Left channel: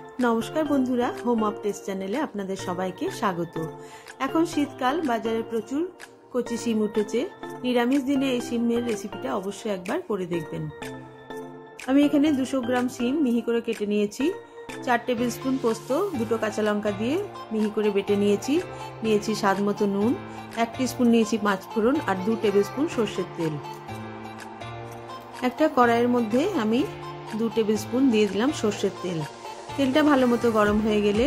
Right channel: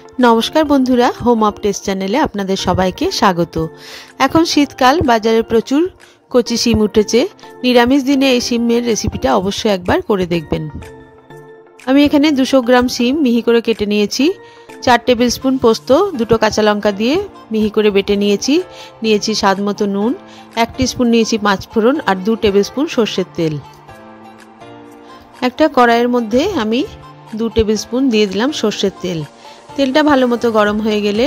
नमस्कार बंधुरा home of test चैनेले आपनादेर सबाइके स्वागत। एखन शीतकाल बाजारे प्रचुर कचि शिम उठेছে। निरामिष दिने এই শিমের রেসিপিটা অবশ্যই একবার করে দেখবেন। আমি এখানে 200 গ্রাম শিম মিহি করে কেটে নিয়েছি। 4 টেবিল স্পুন পোস্ত, দুটো কাঁচা লঙ্কা দিয়ে মিহি করে বেটে নিয়েছি। নিয়েছি স্বাদমতো নুন, 1 টিস্পুন নিয়েছি পাঁচফোড়ন আর 2 টেবিল স্পুন সরষের তেল। একটা কড়াইয়ের মধ্যে আমি 2 টেবিল স্পুন দিয়ে দিলাম সরষের তেল। তেলটা ভালো মতো গরম হয়ে গেলে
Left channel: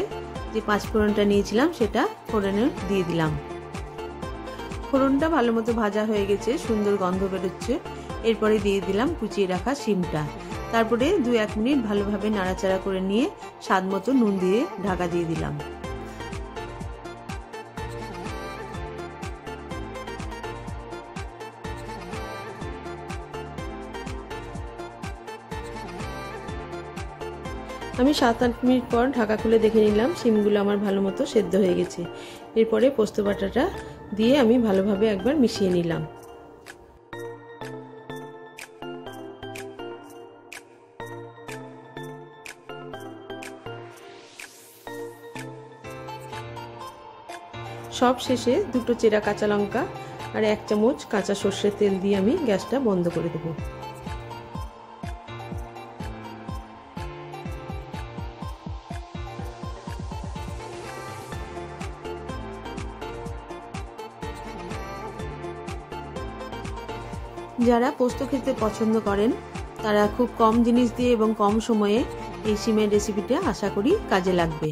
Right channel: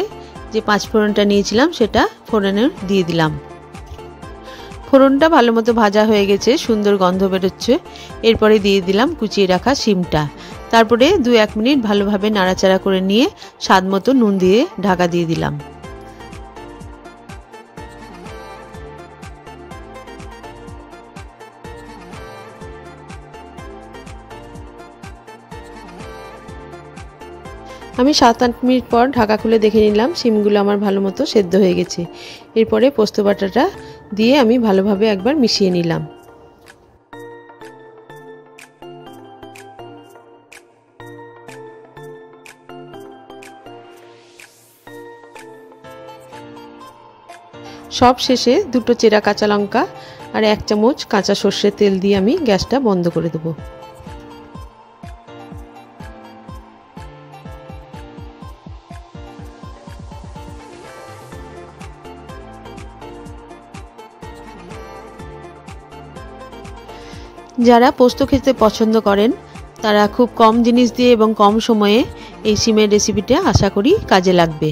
যে পাঁচফোড়নটা নিয়েছিলাম সেটা ফোড়নে দিয়ে দিলাম। ফোড়নটা ভালো মতো ভাজা হয়ে গেছে, সুন্দর গন্ধ বেরোচ্ছে। এরপরে দিয়ে দিলাম কুচিয়ে রাখা শিমটা। তারপরে 2-1 মিনিট ভালোভাবে নাড়াচাড়া করে নিয়ে স্বাদ মতো নুন দিয়ে ঢাকা দিয়ে দিলাম। আমি 7-8 মিনিট পর ঢাকা খুলে দেখে নিলাম শিমগুলো আমার ভালো মতো সেদ্ধ হয়ে গেছে। এরপরে পোস্ত বাটাটা দিয়ে আমি ভালোভাবে একবার মিশিয়ে নিলাম। সব শেষে 2টো চেরা কাঁচা লঙ্কা আর 1 চামচ কাঁচা সরষের তেল দিয়ে আমি গ্যাসটা বন্ধ করে দেব। যারা পোস্ত খেতে পছন্দ করেন তারা খুব কম জিনিস দিয়ে এবং কম সময়ে এই শিমের রেসিপিটা আশা করি কাজে লাগবে।